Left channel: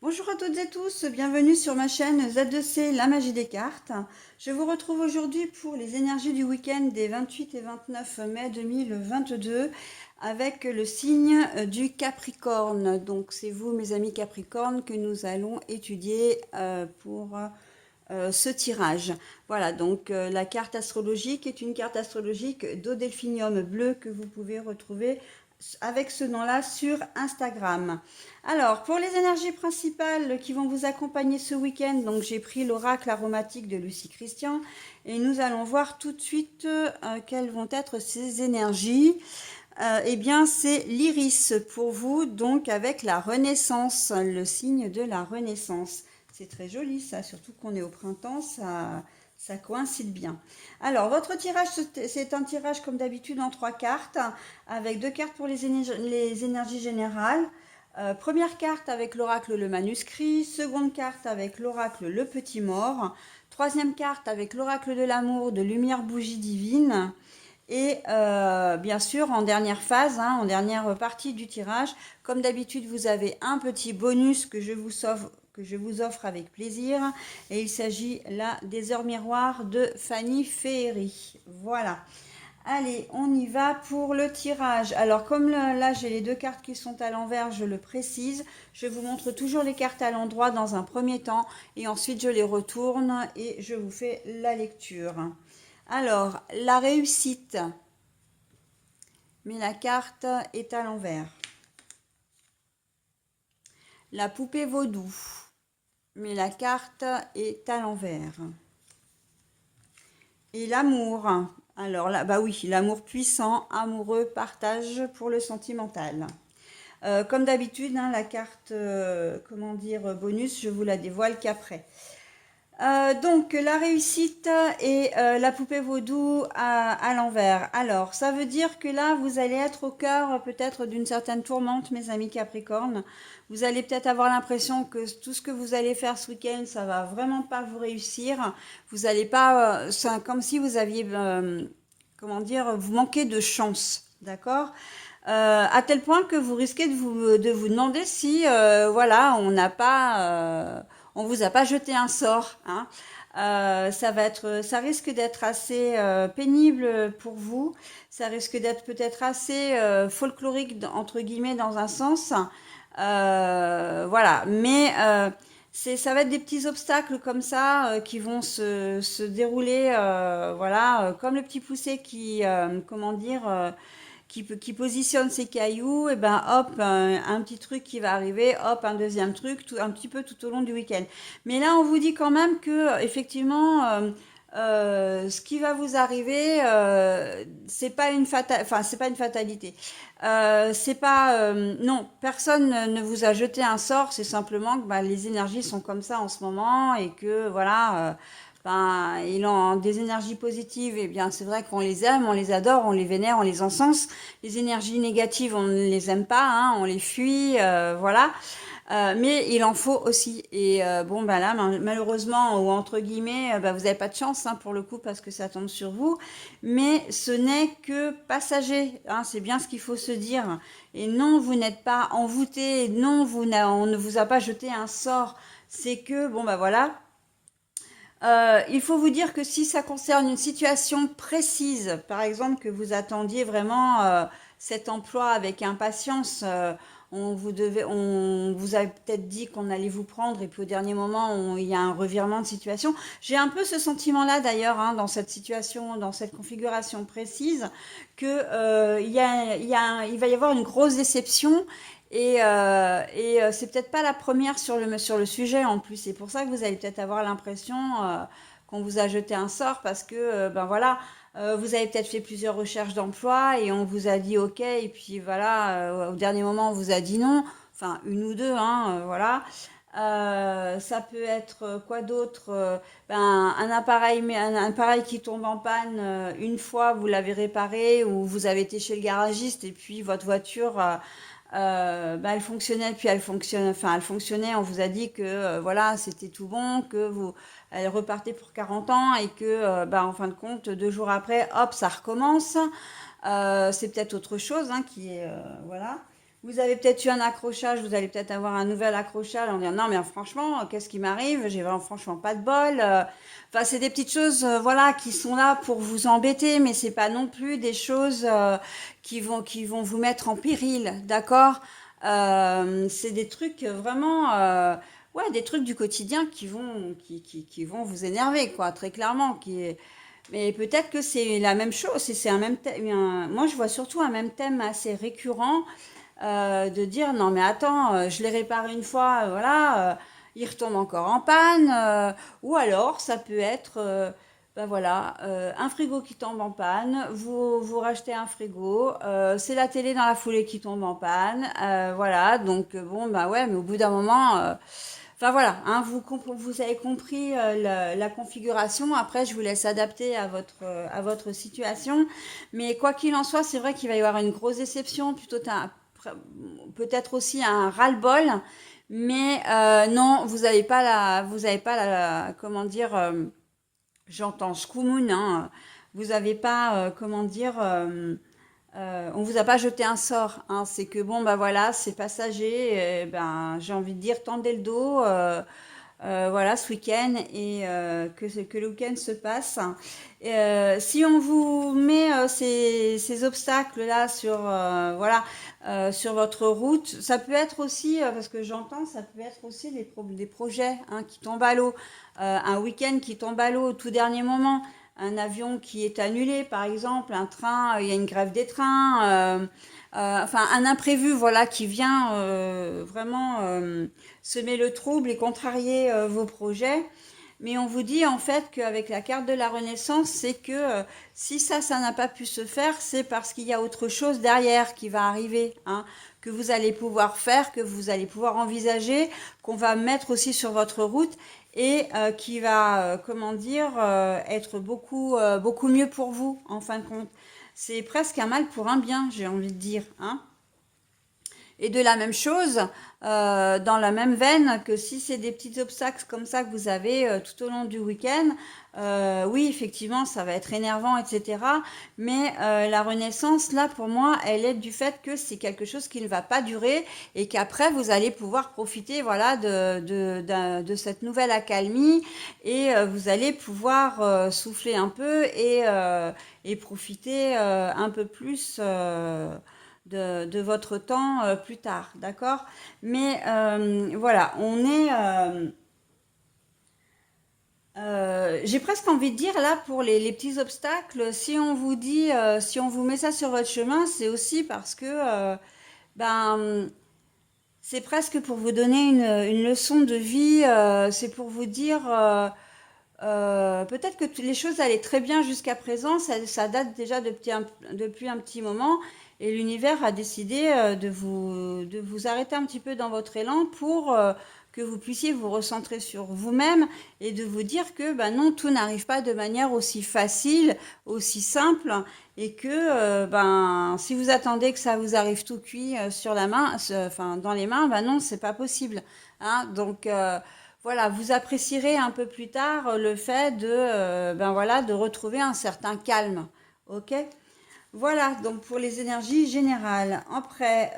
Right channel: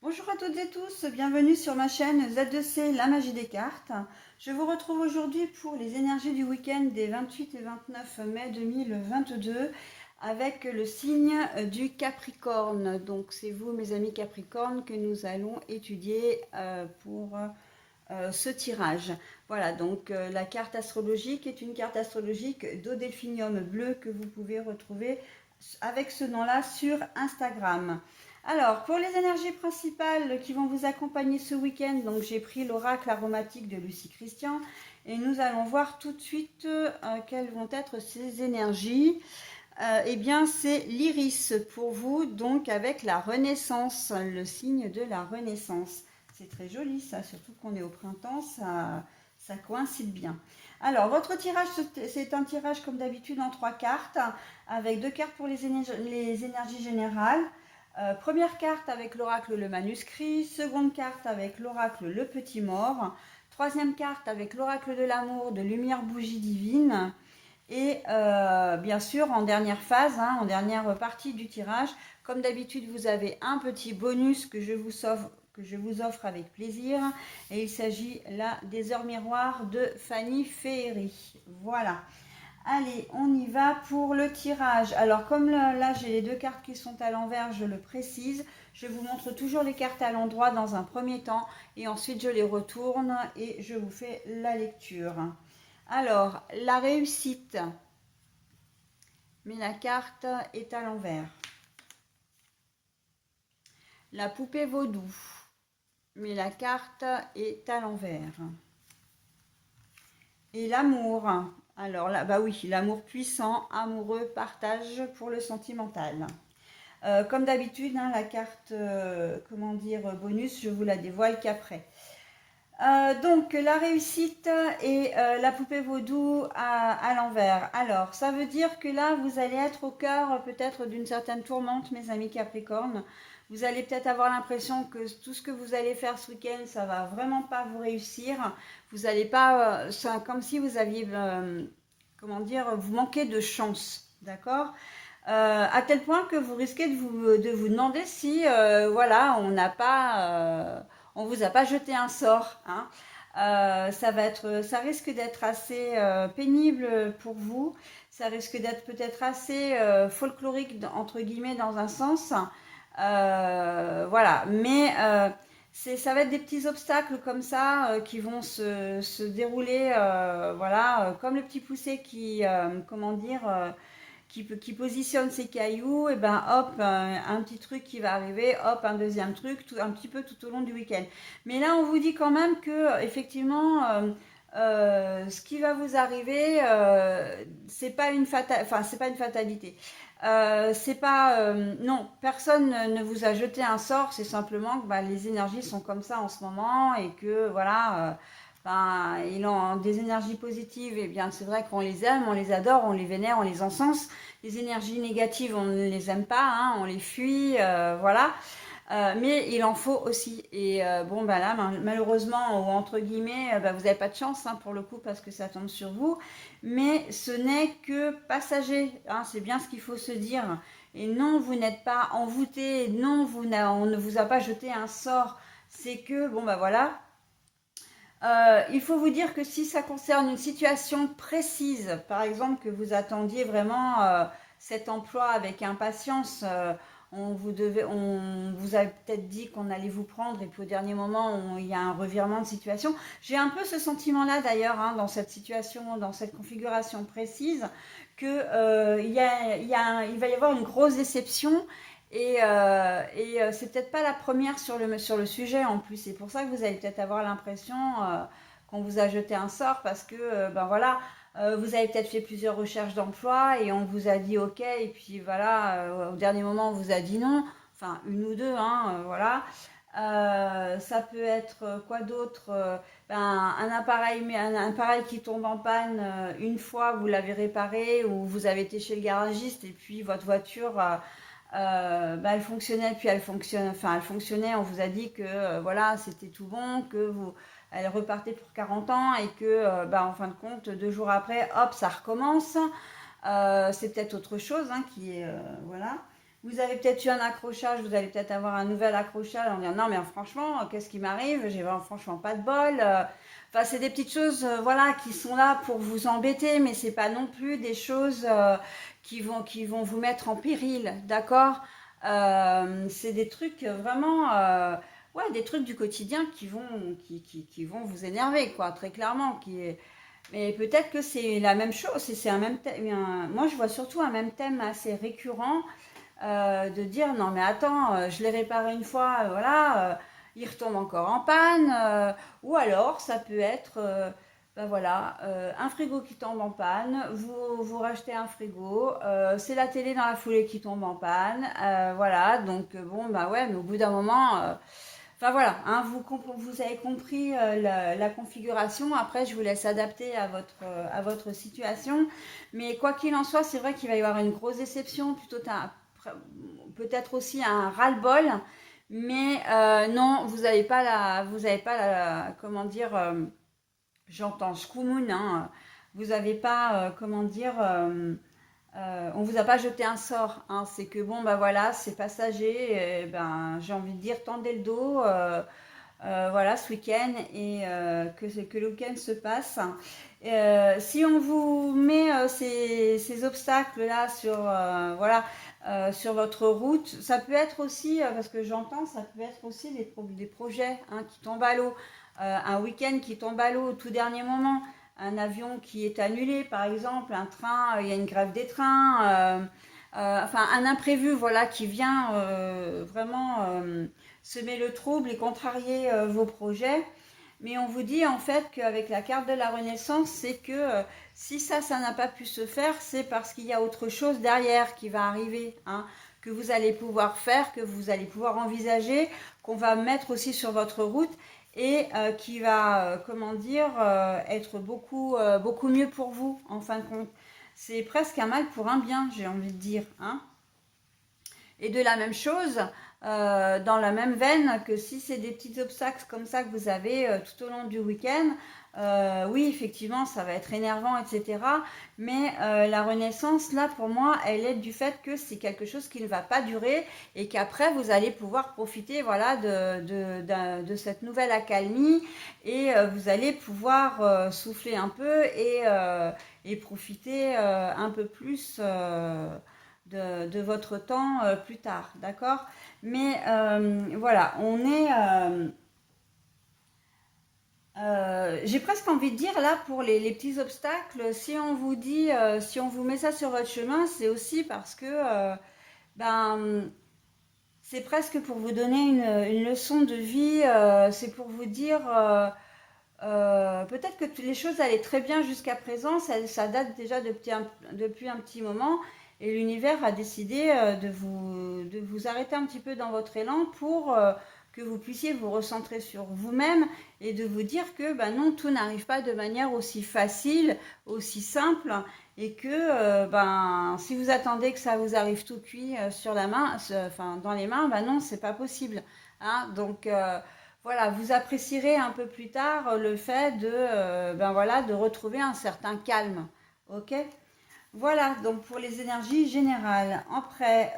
Bonjour à toutes et tous, bienvenue sur ma chaîne Z2C, la magie des cartes. Je vous retrouve aujourd'hui pour les énergies du week-end des 28 et 29 mai 2022 avec le signe du Capricorne. Donc c'est vous mes amis Capricorne que nous allons étudier pour ce tirage. Voilà, donc la carte astrologique est une carte astrologique d'Odelphinium bleu que vous pouvez retrouver avec ce nom-là sur Instagram. Alors, pour les énergies principales qui vont vous accompagner ce week-end, donc j'ai pris l'oracle aromatique de Lucie Christian et nous allons voir tout de suite quelles vont être ces énergies. Eh bien, c'est l'iris pour vous, donc avec la renaissance, le signe de la renaissance. C'est très joli ça, surtout qu'on est au printemps, ça coïncide bien. Alors, votre tirage, c'est un tirage comme d'habitude en 3 cartes, avec 2 cartes pour les énergies générales. Première carte avec l'oracle le manuscrit, seconde carte avec l'oracle le petit mort, troisième carte avec l'oracle de l'amour de lumière bougie divine. Et bien sûr, en dernière phase, en dernière partie du tirage, comme d'habitude, vous avez un petit bonus que je vous offre avec plaisir. Et il s'agit là des heures miroirs de Fanny Féery. Voilà. Allez, on y va pour le tirage. Alors, comme là, j'ai les 2 cartes qui sont à l'envers, je le précise. Je vous montre toujours les cartes à l'endroit dans un premier temps. Et ensuite, je les retourne et je vous fais la lecture. Alors, la réussite, mais la carte est à l'envers. La poupée vaudou, mais la carte est à l'envers. Et l'amour, alors là, bah oui, l'amour puissant, amoureux, partage pour le sentimental. Comme d'habitude, la carte, comment dire, bonus, je vous la dévoile qu'après. Donc la réussite et la poupée vaudou à l'envers. Alors ça veut dire que là vous allez être au cœur peut-être d'une certaine tourmente, mes amis Capricorne. Vous allez peut-être avoir l'impression que tout ce que vous allez faire ce week-end, ça va vraiment pas vous réussir. Vous allez pas, c'est comme si vous aviez, comment dire, vous manquez de chance, d'accord? À tel point que vous risquez de vous demander si, voilà, on vous a pas jeté un sort, hein. Ça risque d'être assez pénible pour vous. Ça risque d'être peut-être assez folklorique entre guillemets dans un sens. Voilà, mais ça va être des petits obstacles comme ça qui vont se dérouler, voilà, comme le petit poussé qui, comment dire. Qui positionne ses cailloux, et ben hop, un petit truc qui va arriver, hop, un deuxième truc, un petit peu tout au long du week-end. Mais là, on vous dit quand même que effectivement, ce qui va vous arriver, c'est pas une fatalité. C'est pas, non, personne ne vous a jeté un sort. C'est simplement que bah, les énergies sont comme ça en ce moment et que voilà. Ben, ils ont des énergies positives, et bien c'est vrai qu'on les aime, on les adore, on les vénère, on les encense. Les énergies négatives, on ne les aime pas, on les fuit, voilà. Mais il en faut aussi. Et bon, ben là, malheureusement, ou entre guillemets, ben, vous n'avez pas de chance pour le coup parce que ça tombe sur vous. Mais ce n'est que passager, c'est bien ce qu'il faut se dire. Et non, vous n'êtes pas envoûté, non, on ne vous a pas jeté un sort. C'est que, bon, ben voilà, il faut vous dire que si ça concerne une situation précise, par exemple que vous attendiez vraiment cet emploi avec impatience, on vous a peut-être dit qu'on allait vous prendre et puis au dernier moment il y a un revirement de situation. J'ai un peu ce sentiment-là d'ailleurs dans cette situation, dans cette configuration précise, que il va y avoir une grosse déception et c'est peut-être pas la première sur le sujet en plus. C'est pour ça que vous allez peut-être avoir l'impression qu'on vous a jeté un sort parce que, ben voilà, vous avez peut-être fait plusieurs recherches d'emploi et on vous a dit OK. Et puis voilà, au dernier moment, on vous a dit non. Enfin, une ou deux, voilà. Ça peut être quoi d'autre ben, un appareil qui tombe en panne une fois, vous l'avez réparé ou vous avez été chez le garagiste et puis votre voiture bah, elle fonctionnait, puis elle fonctionnait. On vous a dit que voilà, c'était tout bon, que elle repartait pour 40 ans et que, bah, en fin de compte, 2 jours après, hop, ça recommence. C'est peut-être autre chose qui est voilà. Vous avez peut-être eu un accrochage, vous allez peut-être avoir un nouvel accrochage en disant non mais franchement, qu'est-ce qui m'arrive? J'ai vraiment franchement pas de bol. Enfin, c'est des petites choses, voilà, qui sont là pour vous embêter, mais c'est pas non plus des choses qui vont vous mettre en péril, d'accord? C'est des trucs vraiment, ouais, des trucs du quotidien qui vont vous énerver, quoi, très clairement. Mais peut-être que c'est la même chose, c'est un même thème. Moi, je vois surtout un même thème assez récurrent de dire non mais attends, je l'ai réparé une fois, voilà, il retombe encore en panne, ou alors ça peut être, ben voilà, un frigo qui tombe en panne, vous rachetez un frigo, c'est la télé dans la foulée qui tombe en panne, voilà, donc bon bah ouais, mais au bout d'un moment, enfin voilà, hein, vous avez compris la configuration. Après, je vous laisse adapter à votre situation. Mais quoi qu'il en soit, c'est vrai qu'il va y avoir une grosse déception, plutôt peut-être aussi un ras-le-bol. Mais non, vous avez pas comment dire, j'entends Shkumun, hein, vous n'avez pas, comment dire, on vous a pas jeté un sort, hein, c'est que bon, bah voilà, c'est passager, ben, j'ai envie de dire, tendez le dos, voilà, ce week-end et que le week-end se passe. Si on vous met ces obstacles-là sur, voilà, sur votre route, ça peut être aussi, parce que j'entends, ça peut être aussi des projets hein, qui tombent à l'eau, un week-end qui tombe à l'eau au tout dernier moment, un avion qui est annulé, par exemple, un train, il y a une grève des trains, enfin un imprévu, voilà, qui vient vraiment semer le trouble et contrarier vos projets. Mais on vous dit en fait qu'avec la carte de la Renaissance, c'est que si ça n'a pas pu se faire, c'est parce qu'il y a autre chose derrière qui va arriver, hein, que vous allez pouvoir faire, que vous allez pouvoir envisager, qu'on va mettre aussi sur votre route et qui va, comment dire, être beaucoup mieux pour vous en fin de compte. C'est presque un mal pour un bien, j'ai envie de dire, hein. Et de la même chose, dans la même veine que si c'est des petits obstacles comme ça que vous avez tout au long du week-end, oui, effectivement, ça va être énervant, etc. Mais la renaissance, là, pour moi, elle est du fait que c'est quelque chose qui ne va pas durer et qu'après, vous allez pouvoir profiter, voilà, de cette nouvelle accalmie et vous allez pouvoir souffler un peu et profiter un peu plus de votre temps plus tard, d'accord? Mais voilà, j'ai presque envie de dire là pour les petits obstacles, si on vous dit, si on vous met ça sur votre chemin, c'est aussi parce que ben c'est presque pour vous donner une leçon de vie, c'est pour vous dire peut-être que les choses allaient très bien jusqu'à présent, ça date déjà depuis un petit moment, et l'univers a décidé de vous arrêter un petit peu dans votre élan pour que vous puissiez vous recentrer sur vous-même et de vous dire que ben non, tout n'arrive pas de manière aussi facile, aussi simple, et que ben si vous attendez que ça vous arrive tout cuit sur la main, enfin dans les mains, ben non, c'est pas possible, hein, donc voilà, vous apprécierez un peu plus tard le fait ben voilà, de retrouver un certain calme. Ok? Voilà, donc pour les énergies générales. Après,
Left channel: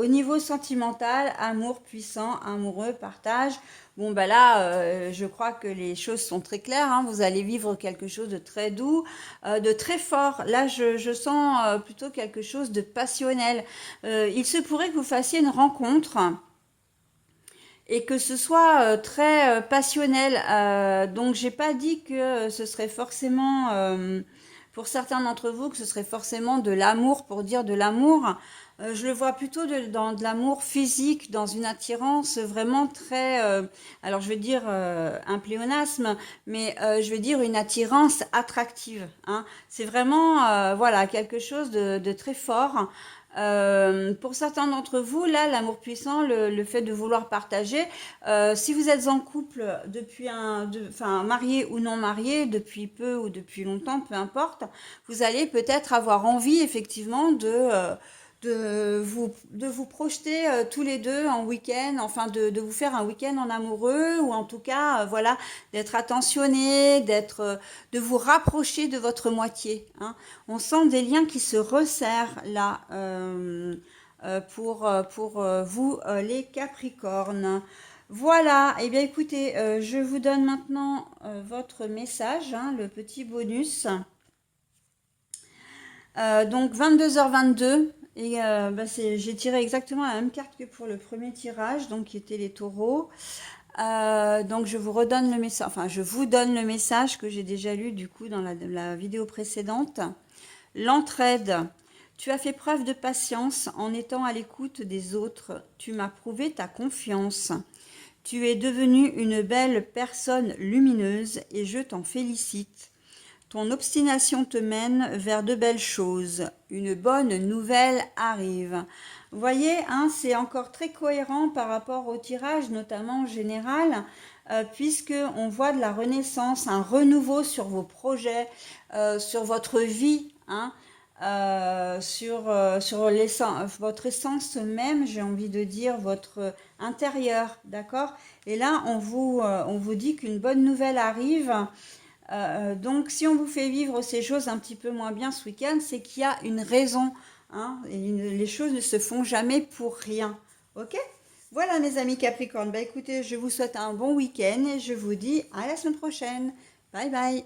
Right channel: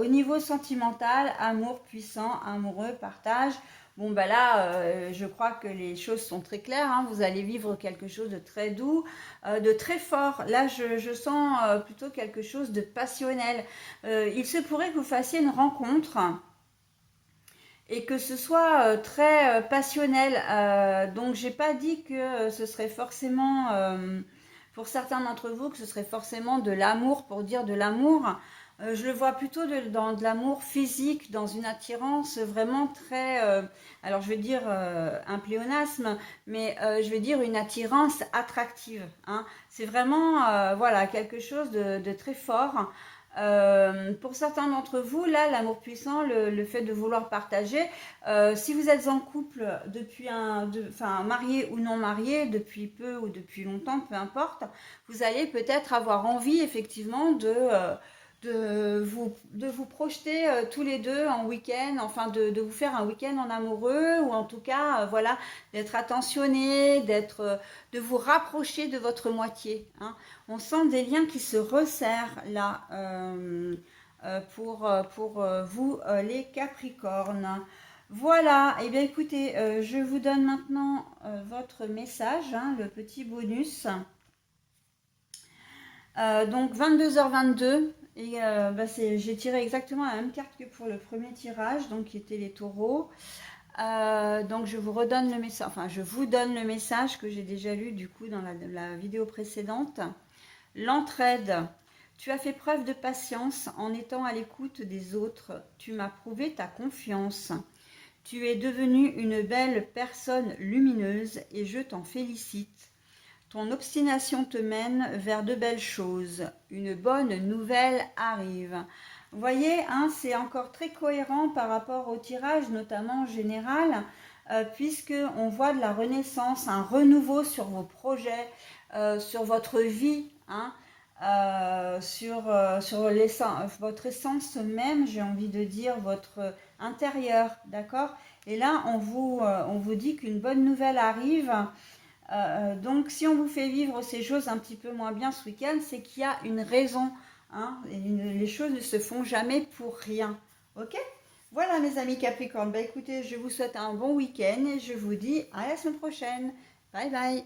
au niveau sentimental, amour puissant, amoureux, partage. Bon, ben là, je crois que les choses sont très claires, hein. Vous allez vivre quelque chose de très doux, de très fort. Là, je sens plutôt quelque chose de passionnel. Il se pourrait que vous fassiez une rencontre et que ce soit très passionnel. Donc j'ai pas dit que ce serait forcément, pour certains d'entre vous, que ce serait forcément de l'amour pour dire de l'amour. Je le vois plutôt dans de l'amour physique, dans une attirance vraiment très, alors je vais dire un pléonasme, mais je vais dire une attirance attractive, hein. C'est vraiment, voilà, quelque chose de très fort. Pour certains d'entre vous, là, l'amour puissant, le fait de vouloir partager, si vous êtes en couple enfin marié ou non marié, depuis peu ou depuis longtemps, peu importe, vous allez peut-être avoir envie effectivement de vous projeter tous les deux en week-end, enfin de vous faire un week-end en amoureux, ou en tout cas, voilà, d'être attentionné, de vous rapprocher de votre moitié, hein. On sent des liens qui se resserrent là. pour vous, les Capricornes. Voilà, et bien écoutez, je vous donne maintenant votre message, hein, le petit bonus. Donc 22h22, et j'ai tiré exactement la même carte que pour le premier tirage, donc qui était les taureaux. Donc je vous redonne le message, enfin je vous donne le message que j'ai déjà lu du coup dans la vidéo précédente. L'entraide. Tu as fait preuve de patience en étant à l'écoute des autres. Tu m'as prouvé ta confiance. Tu es devenue une belle personne lumineuse et je t'en félicite. Ton obstination te mène vers de belles choses. Une bonne nouvelle arrive. Vous voyez, hein, c'est encore très cohérent par rapport au tirage, notamment général, puisque on voit de la renaissance, un renouveau sur vos projets, sur votre vie, hein, sur votre essence même, j'ai envie de dire, votre intérieur, d'accord? Et là, on vous dit qu'une bonne nouvelle arrive. Donc, si on vous fait vivre ces choses un petit peu moins bien ce week-end, c'est qu'il y a une raison, hein, et les choses ne se font jamais pour rien. Ok? Voilà, mes amis Capricorne. Bah, écoutez, je vous souhaite un bon week-end et je vous dis à la semaine prochaine. Bye bye.